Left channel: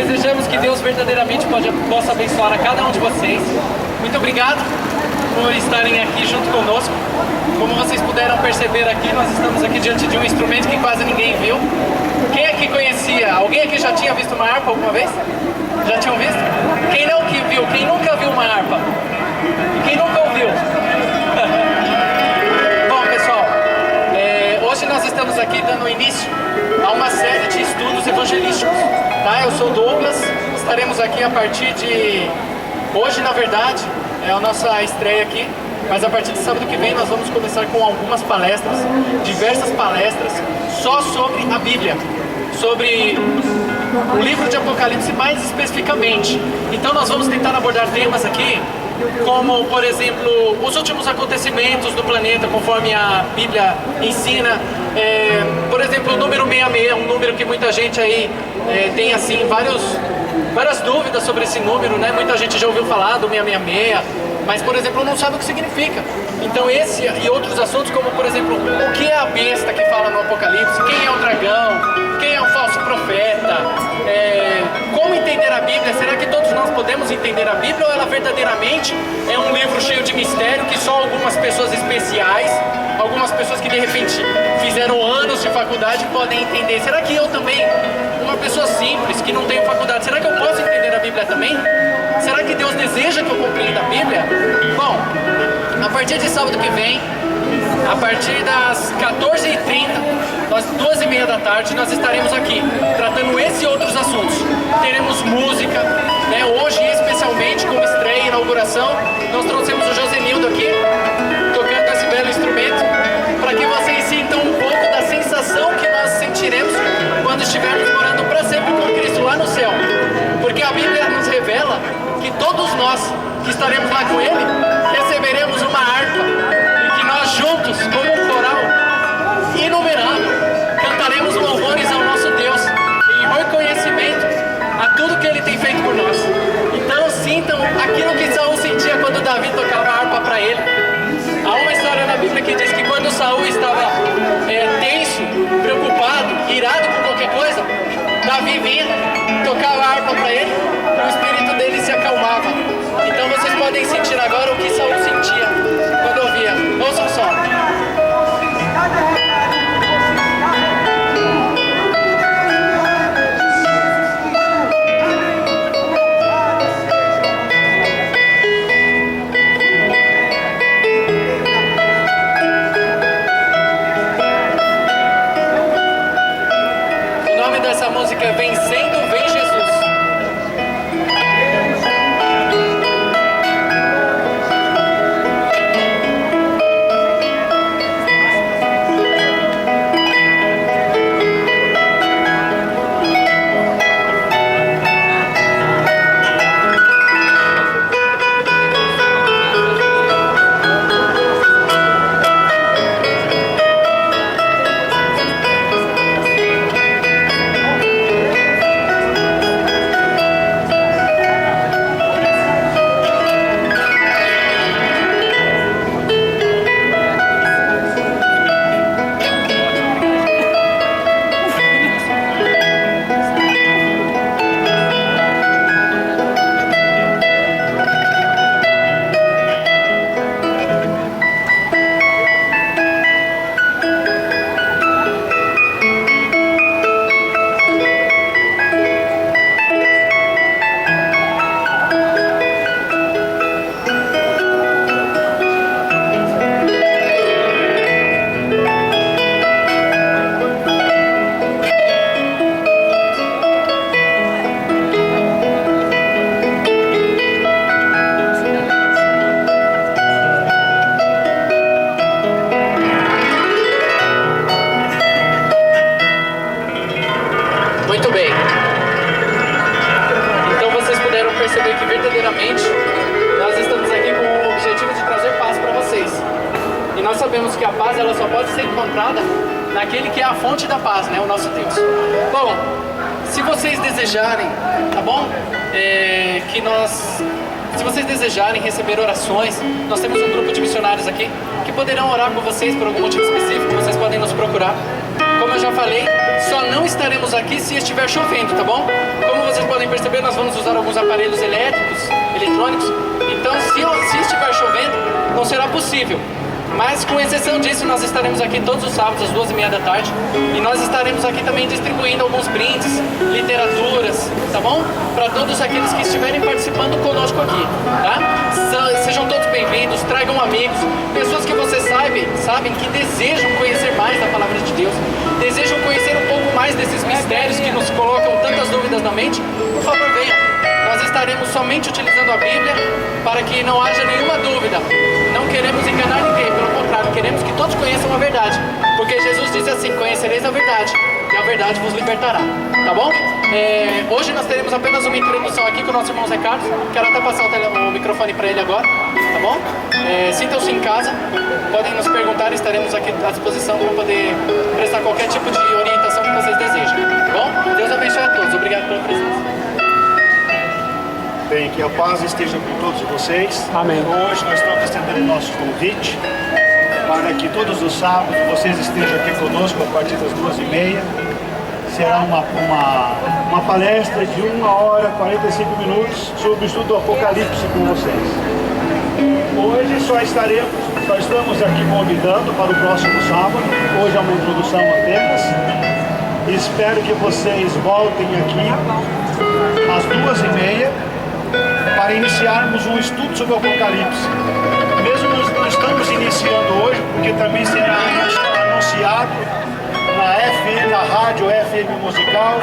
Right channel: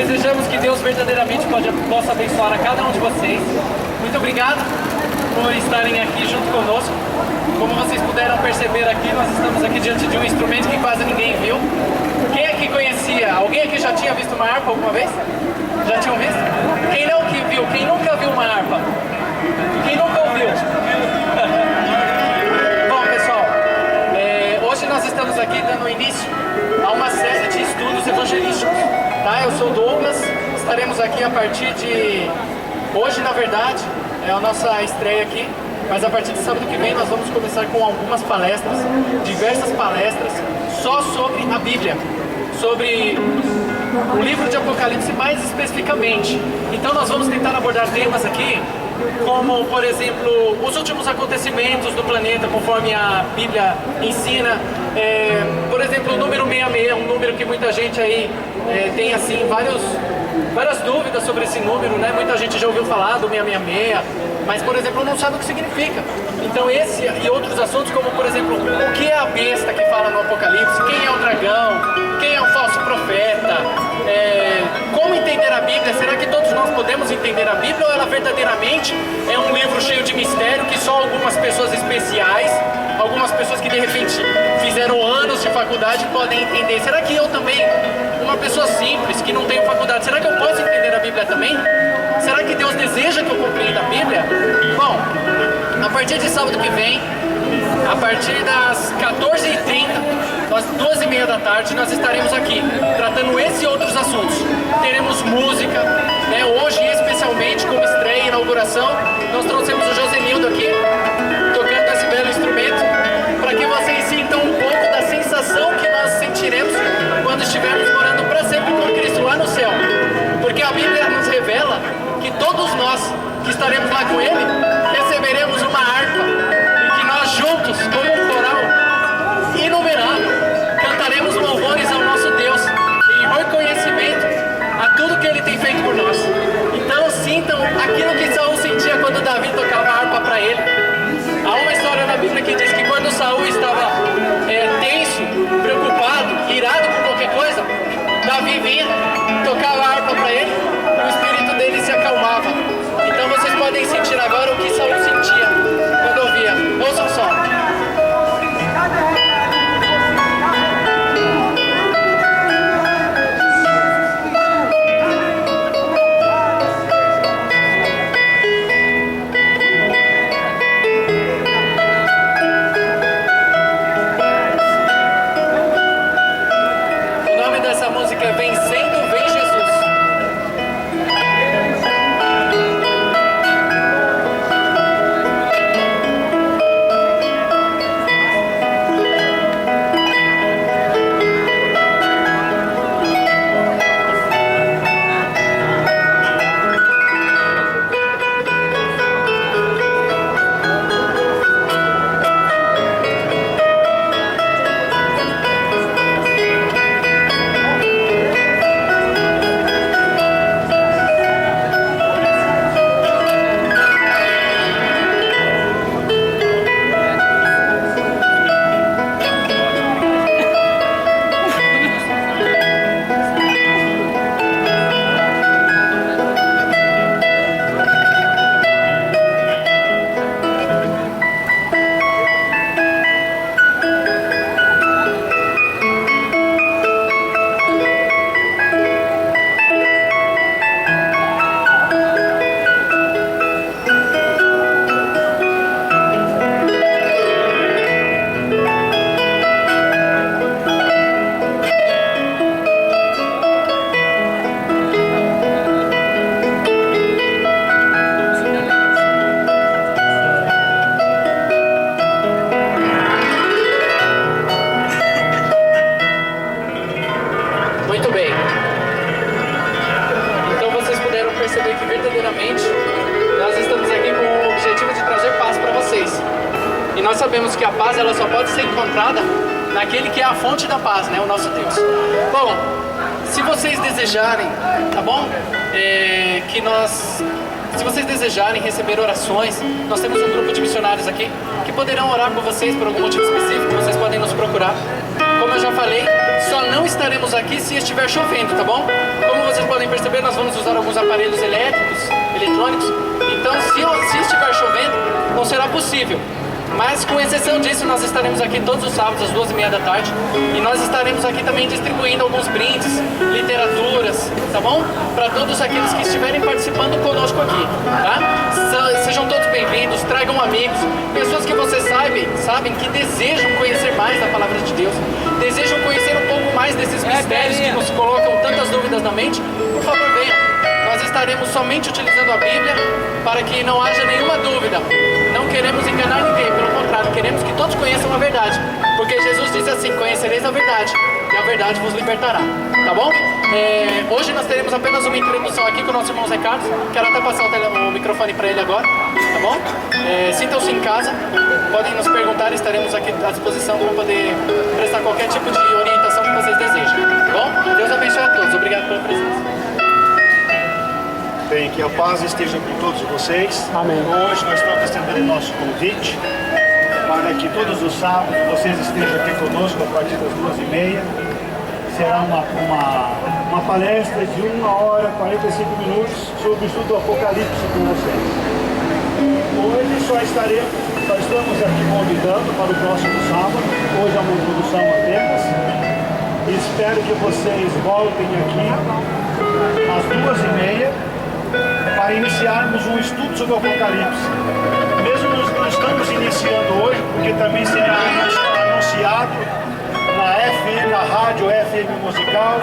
Desejamos que Deus verdadeiramente possa abençoar a cada um de vocês. Muito obrigado por estarem aqui junto conosco. Como vocês puderam perceber aqui, nós estamos aqui diante de um instrumento que quase ninguém viu. Quem aqui conhecia? Alguém aqui já tinha visto uma harpa alguma vez? Já tinham visto? Quem não que viu? Quem nunca viu uma harpa? Quem nunca ouviu? Bom, pessoal, hoje nós estamos aqui dando início a uma série de estudos evangelísticos. Tá? Eu sou o Douglas, estaremos aqui a partir de... Hoje, na verdade, é a nossa estreia aqui, mas a partir de sábado que vem nós vamos começar com algumas palestras, diversas palestras, só sobre a Bíblia, sobre o livro de Apocalipse mais especificamente. Então nós vamos tentar abordar temas aqui, como, por exemplo, os últimos acontecimentos do planeta, conforme a Bíblia ensina. Por exemplo, o número 66, um número que muita gente aí tem assim várias dúvidas sobre esse número, né? Muita gente já ouviu falar do 666, mas, por exemplo, não sabe o que significa. Então esse e outros assuntos, como, por exemplo, o que é a besta que fala no Apocalipse, quem é o dragão, quem é o falso profeta, como entender a Bíblia, será que todos nós podemos entender a Bíblia, ou ela verdadeiramente é um livro cheio de mistério que só algumas pessoas especiais, algumas pessoas que de repente fizeram anos de faculdade podem entender? Será que eu também, uma pessoa simples, que não tenho faculdade, será que eu posso entender a Bíblia também? Será que Deus deseja que eu compreenda a Bíblia? Bom, a partir de sábado que vem, a partir das 14h30, às 2h30 da tarde, nós estaremos aqui, tratando esse e outros assuntos. Teremos música, né? Hoje, especialmente, como estreia e inauguração, nós trouxemos o Josenildo aqui, tocando esse belo instrumento, para que vocês sintam um pouco da sensação que nós sentiremos quando estivermos morando para sempre com Cristo lá no céu. Porque a Bíblia nos revela que todos nós que estaremos lá com Ele, receberemos uma harpa, e que nós juntos, como um coral inumerável, cantaremos louvores ao nosso Deus, em reconhecimento a tudo que Ele tem feito por nós. Então sintam aquilo que Saul sentia quando Davi tocava a harpa para ele. Há uma história na Bíblia que diz que quando Saul estava tenso, preocupado, irado com qualquer coisa, Davi vinha, tocava a harpa para ele, e o espírito dele se acalmava. Então vocês podem sentir agora o que Saul sentia quando ouvia. Ouçam só. O nome dessa música é Vencendo, Vem Jesus. Muito bem. Então vocês puderam perceber que verdadeiramente nós estamos aqui com o objetivo de trazer paz para vocês. E nós sabemos que a paz ela só pode ser encontrada naquele que é a fonte da paz, né? O nosso Deus. Bom, se vocês desejarem, tá bom? Se vocês desejarem receber orações, nós temos um grupo de missionários aqui que poderão orar por vocês por algum motivo específico. Vocês podem nos procurar. Como eu já falei, só não estaremos aqui se estiver chovendo, tá bom? Como vocês podem perceber, vamos usar alguns aparelhos elétricos, eletrônicos. Então, se estiver chovendo, não será possível. Mas, com exceção disso, nós estaremos aqui todos os sábados às 2h30 da tarde. E nós estaremos aqui também distribuindo alguns brindes, literaturas, tá bom? Para todos aqueles que estiverem participando conosco aqui, tá? Sejam todos bem-vindos, tragam amigos, pessoas que vocês sabem que desejam conhecer mais da Palavra de Deus, desejam conhecer um pouco mais desses mistérios que nos colocam tantas dúvidas na mente. Por favor, venham. Nós estaremos somente utilizando a Bíblia para que não haja nenhuma dúvida. Não queremos enganar ninguém, pelo contrário, queremos que todos conheçam a verdade. Porque Jesus disse assim: conhecereis a verdade, e a verdade vos libertará. Tá bom? Hoje nós teremos apenas uma introdução aqui com o nosso irmão Zé Carlos. Quero até passar o microfone para ele agora, tá bom? Sintam-se em casa, podem nos perguntar, estaremos aqui à disposição para poder prestar qualquer tipo de orientação que vocês desejam. Tá bom? Deus abençoe a todos. Obrigado pela presença. Bem, que a paz esteja com todos vocês. Amém. Hoje nós estamos estendendo nosso convite para que todos os sábados vocês estejam aqui conosco a partir das 2h30. Será uma palestra de 1h 45 minutos sobre o estudo do Apocalipse com vocês. Hoje só estamos aqui convidando para o próximo sábado. Hoje é uma introdução apenas. Espero que vocês voltem aqui às 2h30 para iniciarmos um estudo sobre o Apocalipse. Mesmo nós não estamos iniciando hoje, porque também será anunciado na rádio FM Musical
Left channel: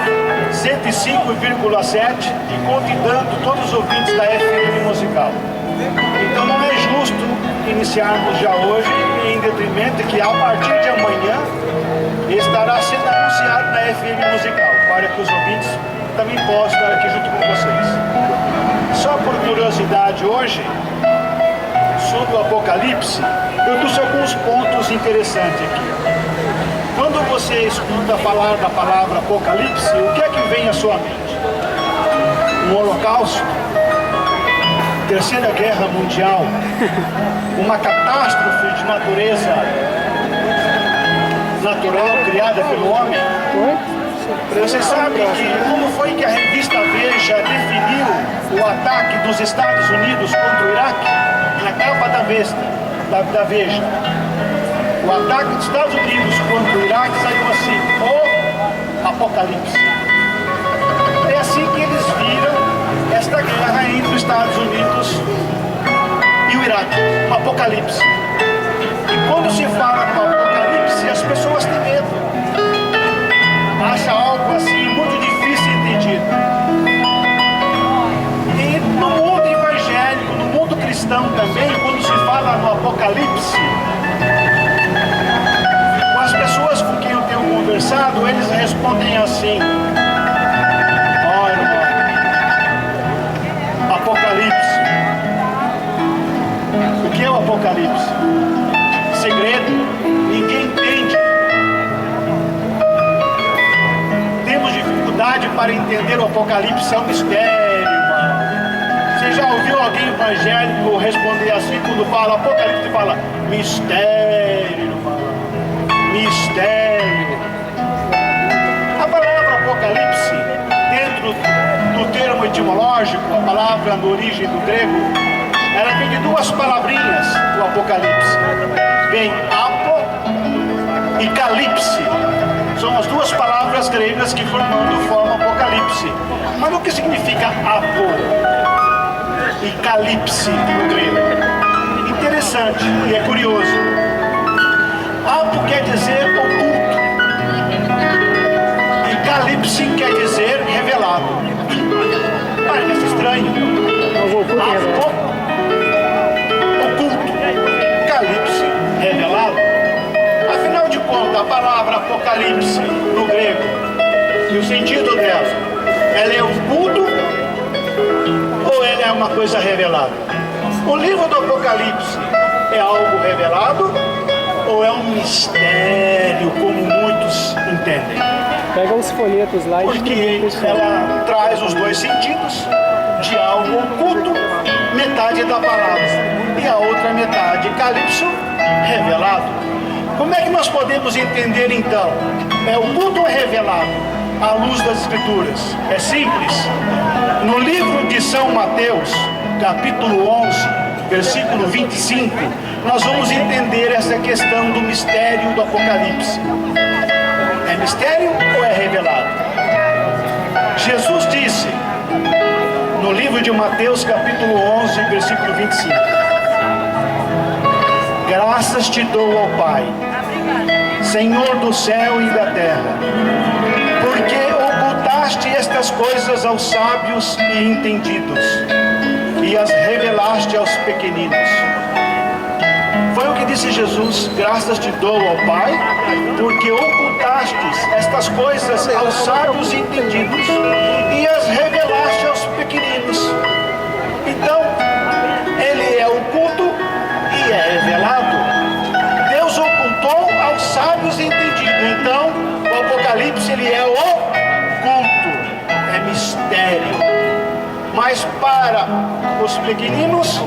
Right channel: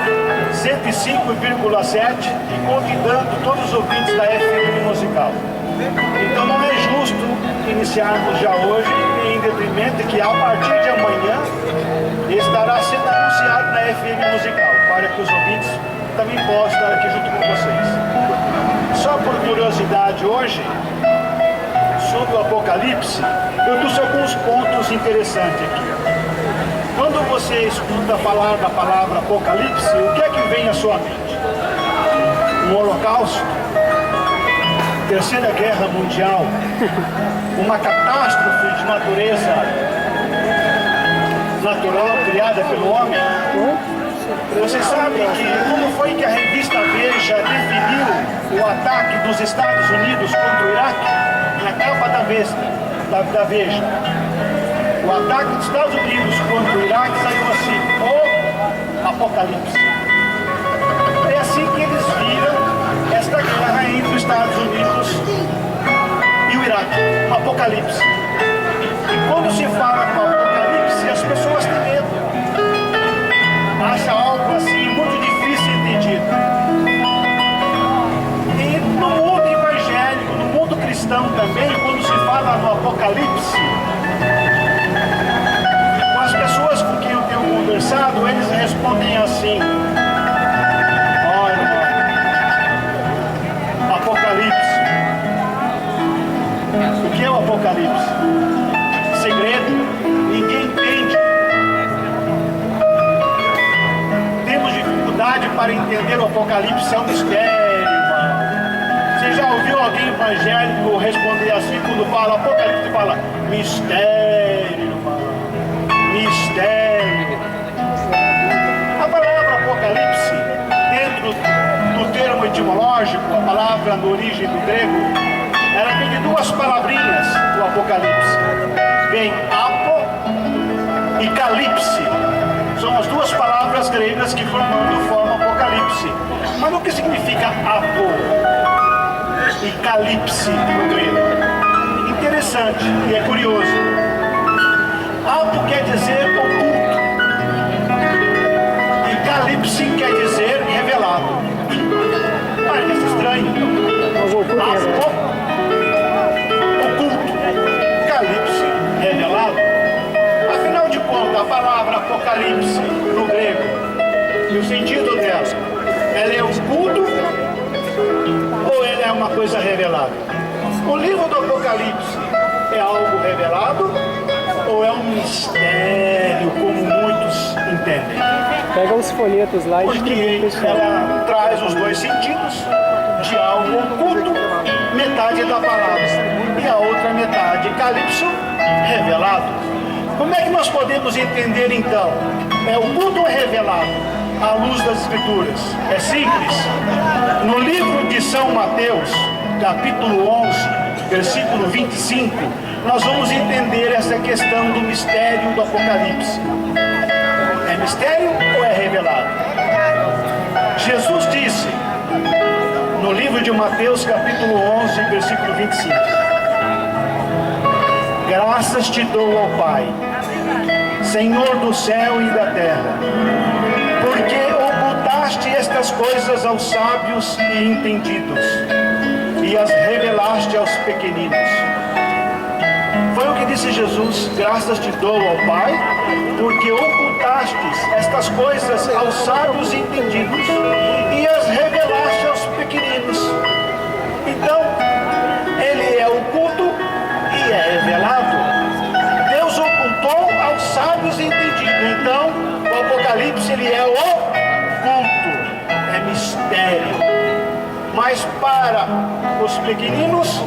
105,7 e convidando todos os ouvintes da FM Musical. Então não é justo iniciarmos já hoje, em detrimento que a partir de amanhã estará sendo anunciado na FM Musical, para que os ouvintes também possam estar aqui junto com vocês. Só por curiosidade hoje, sobre o Apocalipse, eu trouxe alguns pontos interessantes aqui. Quando você escuta falar da palavra Apocalipse, o que é que vem à sua mente? Um holocausto? Terceira Guerra Mundial? Uma catástrofe de natureza natural criada pelo homem? Você sabe que como foi que a revista Veja definiu o ataque dos Estados Unidos contra o Iraque? Na capa da Veja. O ataque dos Estados Unidos contra o Iraque saiu assim: o Apocalipse. É assim que eles viram esta guerra entre os Estados Unidos e o Iraque. O Apocalipse. E quando se fala do Apocalipse, as pessoas têm medo. Acha algo assim muito difícil de entender. E no mundo evangélico, no mundo cristão também, quando se fala no Apocalipse, com as pessoas com quem eu tenho conversado, eles respondem assim: olha, Apocalipse. O que é o Apocalipse? Segredo, ninguém entende. Para entender o Apocalipse é um mistério, irmão. Você já ouviu alguém evangélico responder assim quando fala Apocalipse? Fala mistério, irmão. Mistério. A palavra Apocalipse, dentro do termo etimológico, a palavra na origem do grego, ela vem de duas palavrinhas, o Apocalipse. Vem apo e calipse. São as duas palavras gregas que formam Apocalipse. Mas o que significa apo e calipse no grego? Interessante e é curioso. Apo quer dizer oculto e calipse quer dizer revelado. Parece estranho. Apo, oculto, calipse, revelado. Afinal de contas, a palavra Apocalipse no grego, e o sentido dela, ela é oculto ou ela é uma coisa revelada? O livro do Apocalipse é algo revelado ou é um mistério, como muitos entendem? Pega os folhetos lá e porque ela traz os dois sentidos de algo oculto, metade da palavra, e a outra metade, calipso, revelado. Como é que nós podemos entender então? É oculto ou revelado? À luz das Escrituras. É simples. No livro São Mateus, capítulo 11, versículo 25, nós vamos entender essa questão do mistério do Apocalipse. É mistério ou é revelado? Jesus disse, no livro de Mateus, capítulo 11, versículo 25, graças te dou, ó Pai, Senhor do céu e da terra, porque ocultaste estas coisas aos sábios e entendidos, e as revelaste aos pequeninos. Foi o que disse Jesus, graças te dou, ó Pai, porque ocultastes estas coisas aos sábios e entendidos, e as revelaste aos pequeninos. Então, ele é oculto e é revelado. Deus ocultou aos sábios e entendidos. Então, o Apocalipse, ele é oculto, é mistério. Mas para os pequeninos,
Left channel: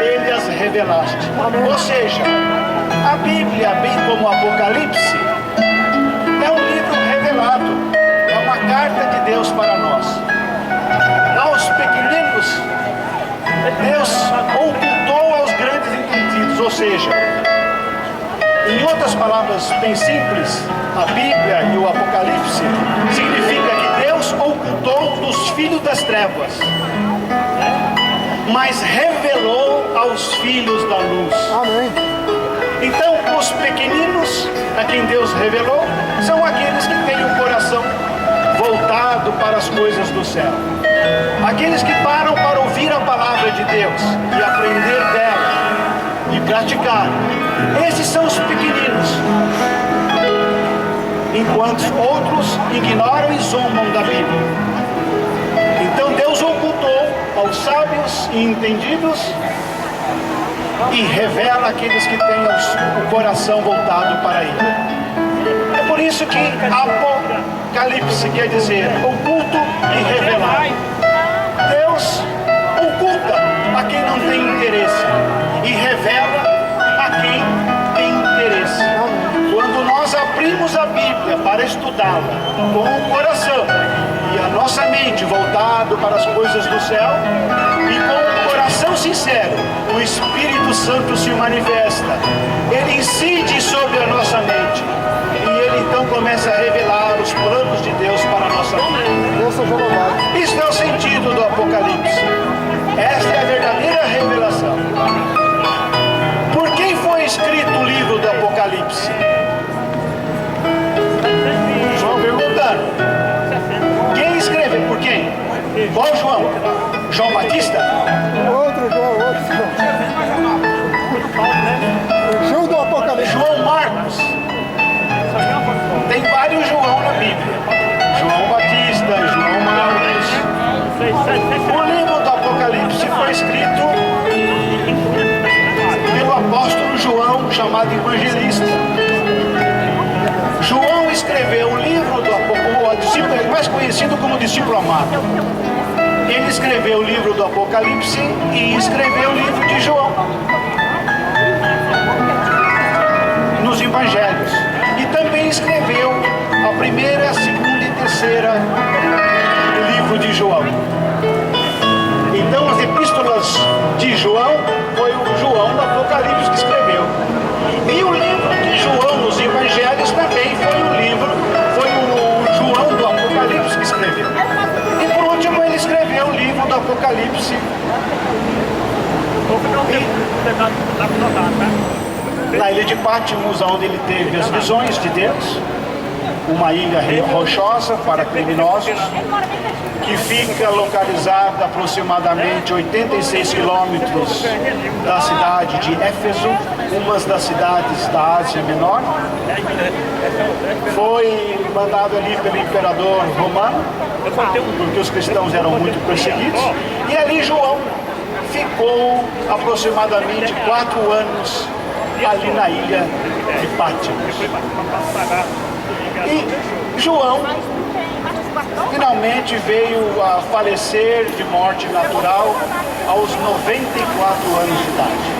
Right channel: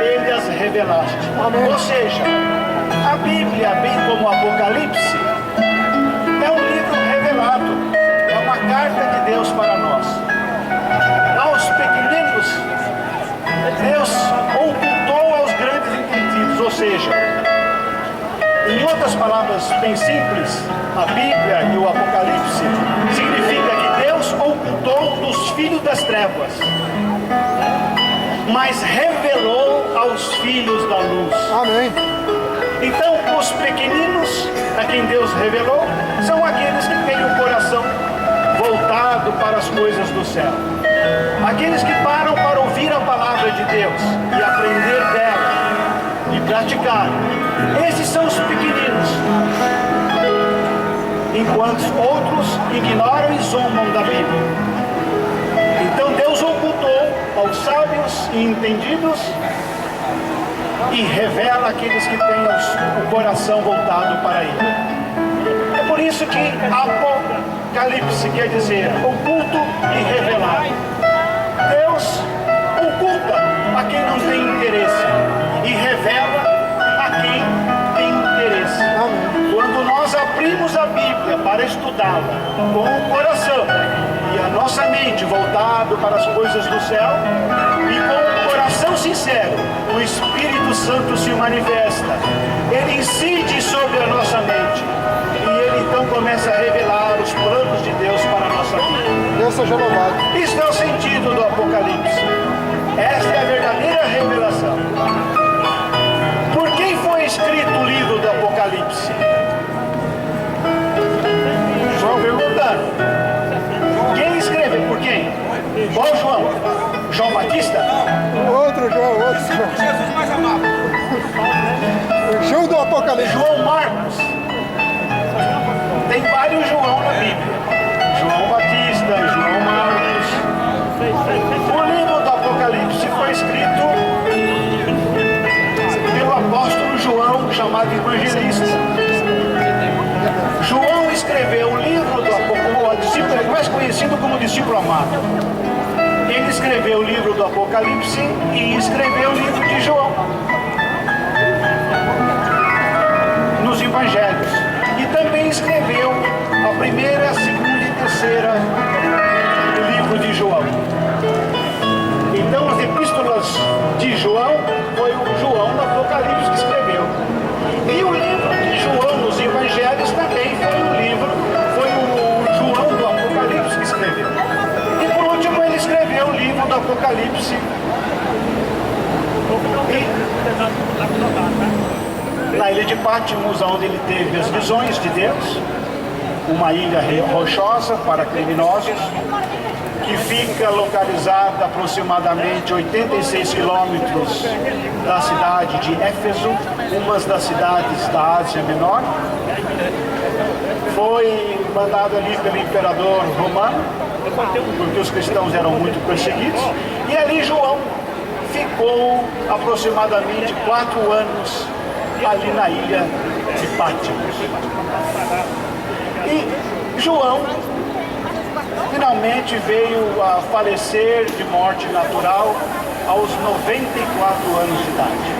ele as revelaste. Ou seja, a Bíblia, bem como o Apocalipse, é um livro revelado, é uma carta de Deus para nós. Aos pequeninos, Deus ocultou aos grandes entendidos, ou seja, em outras palavras bem simples, a Bíblia e o Apocalipse significa que Deus ocultou dos filhos das trevas, mas revelou aos filhos da luz. Amém. Então, os pequeninos a quem Deus revelou são aqueles que têm o coração voltado para as coisas do céu, aqueles que param para ouvir a palavra de Deus e aprender dela e praticar. Esses são os pequeninos, enquanto outros ignoram e zombam da Bíblia. Então Deus ocultou aos sábios e entendidos e revela aqueles que têm o coração voltado para Ele. É por isso que Apocalipse quer dizer oculto e revelado. Deus oculta a quem não tem interesse e revela a quem tem interesse. Quando nós abrimos a Bíblia para estudá-la com o coração e a nossa mente voltado para as coisas do céu e com o coração sincero, o Espírito Santo se manifesta. Ele incide sobre a nossa mente e ele então começa a revelar os planos de Deus para a nossa vida. Deus seja louvado. Isso é o sentido do Apocalipse. Esta é a verdadeira revelação. Por quem foi escrito o livro do Apocalipse? João perguntando. Quem escreveu? Por quem? Qual João? João Batista? Outro João. João do Apocalipse. João Marcos. Tem vários João na Bíblia. João Batista, João Marcos. O livro do Apocalipse foi escrito pelo apóstolo João, chamado evangelista. João escreveu o livro do Apocalipse, mais conhecido como discípulo amado. Ele escreveu o livro do Apocalipse e escreveu o livro de João nos evangelhos. E também escreveu a primeira, a segunda e terceira livro de João. Então as epístolas de João foi o João do Apocalipse que escreveu. E o livro de João nos evangelhos também foi o João do Apocalipse que escreveu. E por último ele escreveu o livro do Apocalipse. E na ilha de Patmos, onde ele teve as visões de Deus, uma ilha rochosa para criminosos, que fica localizada aproximadamente 86 quilômetros da cidade de Éfeso, uma das cidades da Ásia Menor. Foi mandado ali pelo imperador romano, porque os cristãos eram muito perseguidos, e ali João ficou aproximadamente 4 anos ali na ilha de Patmos. E João finalmente veio a falecer de morte natural aos 94 anos de idade.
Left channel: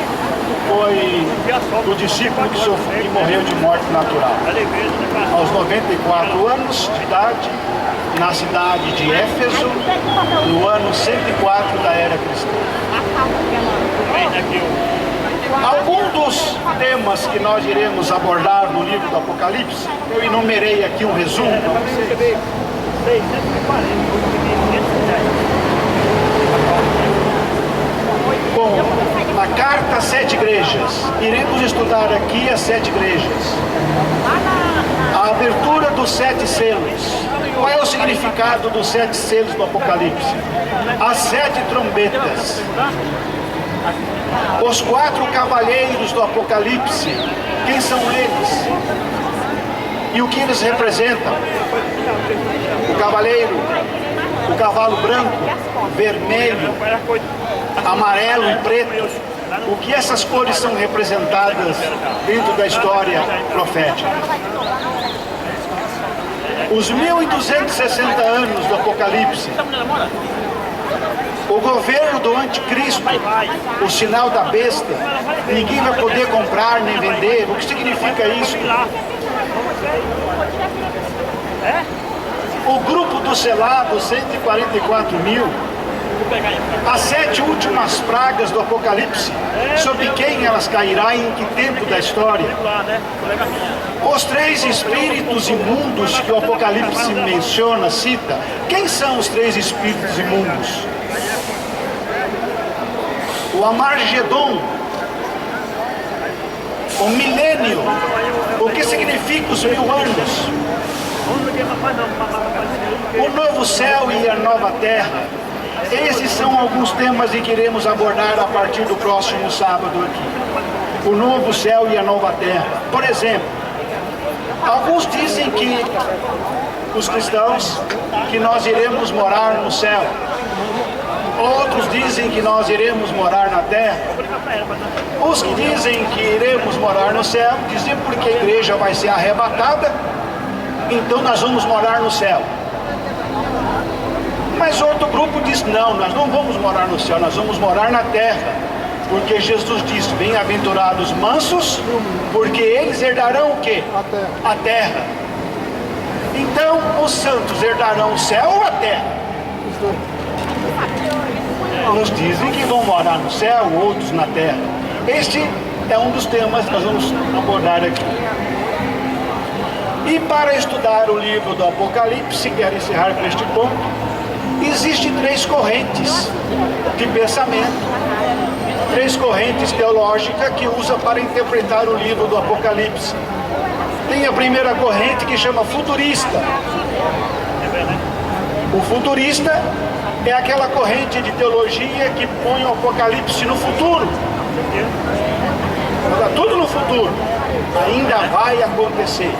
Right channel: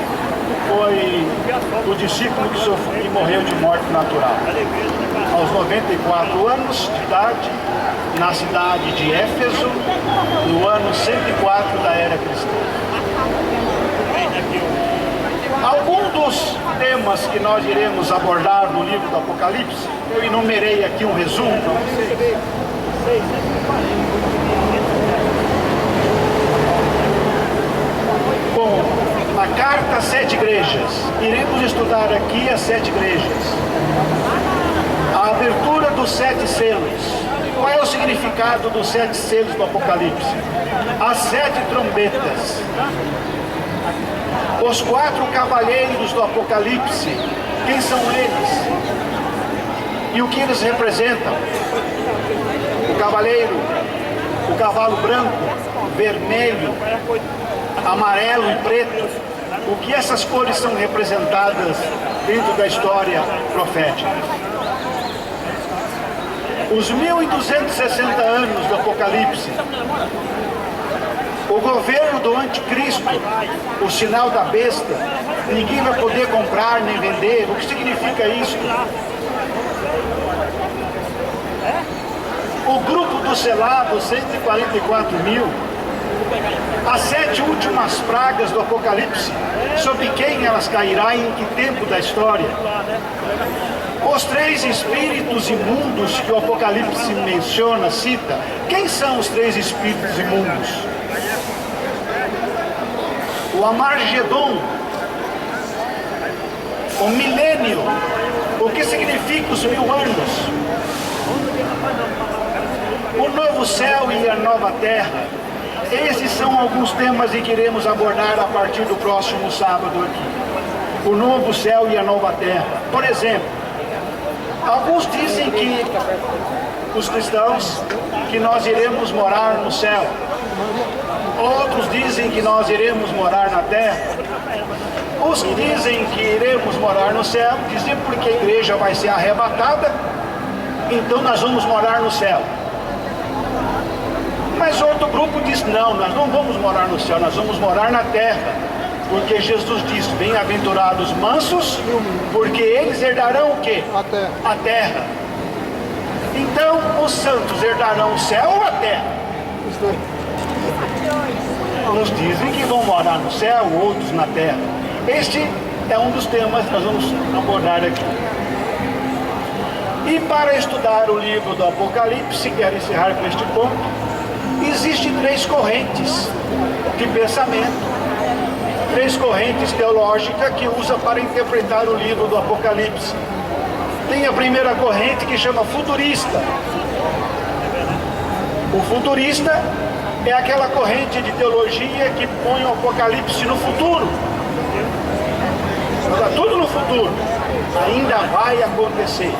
Foi o discípulo que morreu de morte natural. Aos 94 anos de idade, na cidade de Éfeso, no ano 104 da era cristã. Alguns dos temas que nós iremos abordar no livro do Apocalipse, eu enumerei aqui um resumo para vocês. Bom, a carta às 7 igrejas. Iremos estudar aqui as 7 igrejas. A abertura dos 7 selos. Qual é o significado dos 7 selos do Apocalipse? As 7 trombetas. Os 4 cavaleiros do Apocalipse. Quem são eles? E o que eles representam? O cavaleiro, o cavalo branco, vermelho, amarelo e preto. O que essas cores são representadas dentro da história profética? Os 1260 anos do Apocalipse, o governo do anticristo, o sinal da besta, ninguém vai poder comprar nem vender. O que significa isso? O grupo dos selados, 144 mil, as 7 últimas pragas do Apocalipse, sobre quem elas cairão e em que tempo da história? Os 3 espíritos imundos que o Apocalipse menciona, cita. Quem são os 3 espíritos imundos? O Amargedon, o milênio. O que significa os 1000 anos? O novo céu e a nova terra. Esses são alguns temas em que iremos abordar a partir do próximo sábado aqui. O novo céu e a nova terra. Por exemplo, alguns dizem que os cristãos, que nós iremos morar no céu. Outros dizem que nós iremos morar na terra. Os que dizem que iremos morar no céu, dizem porque a igreja vai ser arrebatada, então nós vamos morar no céu. Mas outro grupo diz, não, nós não vamos morar no céu, nós vamos morar na terra. Porque Jesus diz, bem-aventurados mansos, porque eles herdarão o quê? A terra. Então, os santos herdarão o céu ou a terra? Uns dizem que vão morar no céu, outros na terra. Este é um dos temas que nós vamos abordar aqui. E para estudar o livro do Apocalipse, quero encerrar com este ponto, existem 3 correntes de pensamento, 3 correntes teológicas que usa para interpretar o livro do Apocalipse. Tem a primeira corrente que chama futurista. O futurista é aquela corrente de teologia que põe o Apocalipse no futuro. Está tudo no futuro. Ainda vai acontecer.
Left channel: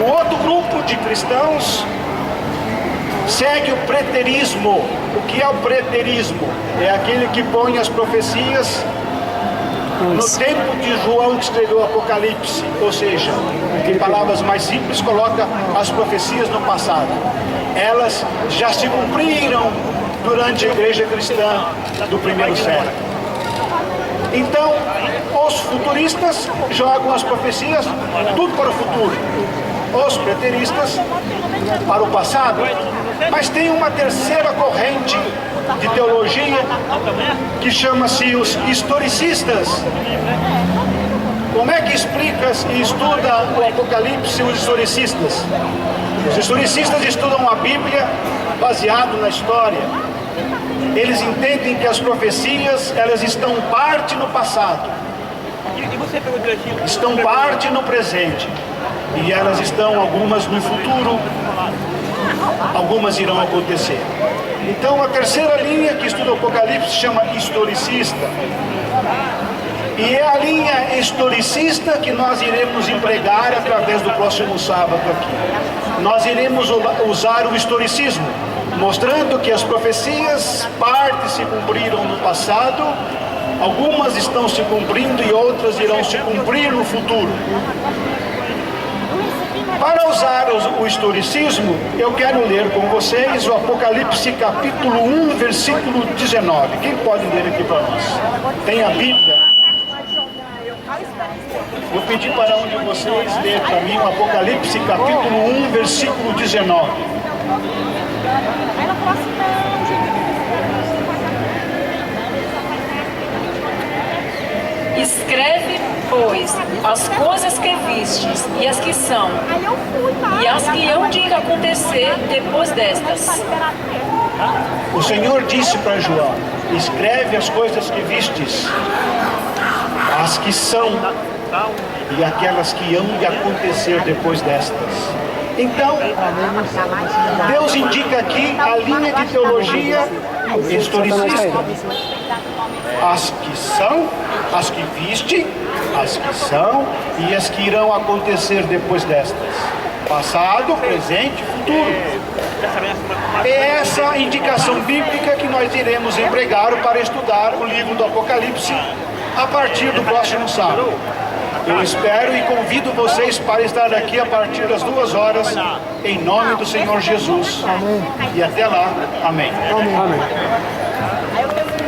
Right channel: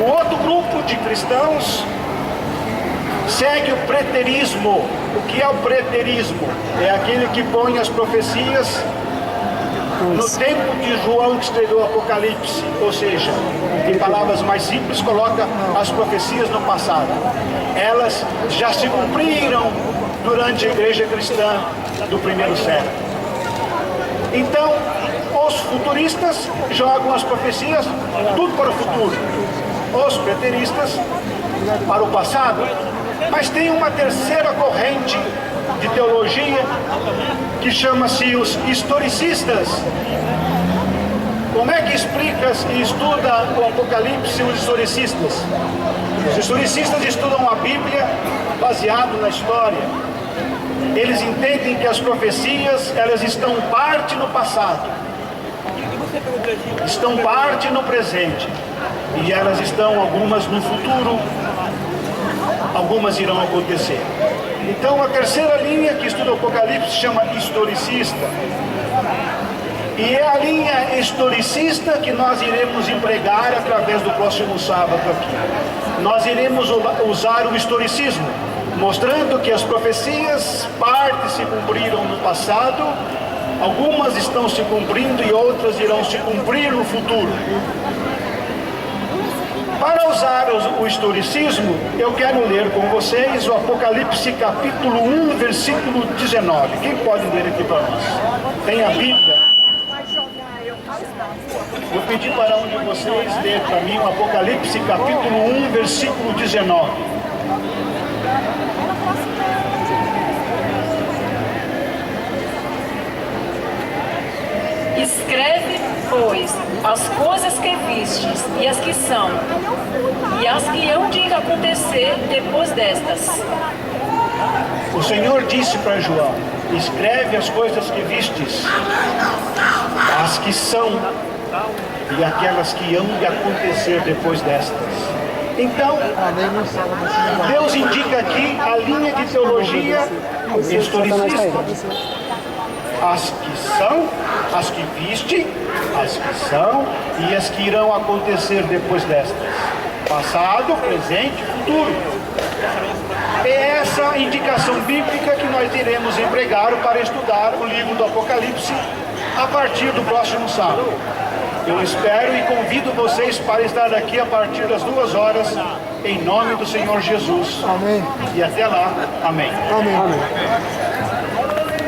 O outro grupo de cristãos segue o preterismo. O que é o preterismo? É aquele que põe as profecias no tempo de João que escreveu o Apocalipse. Ou seja, em palavras mais simples, coloca as profecias no passado. Elas já se cumpriram durante a igreja cristã do primeiro século. Então, os futuristas jogam as profecias tudo para o futuro. Os preteristas para o passado. Mas tem uma terceira corrente de teologia que chama-se os historicistas. Como é que explica e estuda o Apocalipse os historicistas? Os historicistas estudam a Bíblia baseado na história. Eles entendem que as profecias, elas estão parte no passado, estão parte no presente, e elas estão algumas no futuro, algumas irão acontecer. Então a terceira linha que estuda o Apocalipse se chama historicista. E é a linha historicista que nós iremos empregar através do próximo sábado aqui. Nós iremos usar o historicismo, mostrando que as profecias, partes se cumpriram no passado, algumas estão se cumprindo e outras irão se cumprir no futuro. Para usar o historicismo, eu quero ler com vocês o Apocalipse capítulo 1, versículo 19. Quem pode ler aqui para nós? Tem a Bíblia? Vou pedir para um de vocês ler para mim o Apocalipse capítulo 1, versículo 19. Escreve, pois, as coisas que vistes, e as que são, e as que hão de acontecer depois destas. O Senhor disse para João: escreve as coisas que vistes, as que são e aquelas que hão de acontecer depois destas. Então, Deus indica aqui a linha de teologia historicista. As que são, as que viste, as que são e as que irão acontecer depois destas. Passado, presente, futuro. É essa indicação bíblica que nós iremos empregar para estudar o livro do Apocalipse a partir do próximo sábado. Eu espero e convido vocês para estar aqui a partir das 2 horas, em nome do Senhor Jesus. Amém. E até lá, amém. Amém.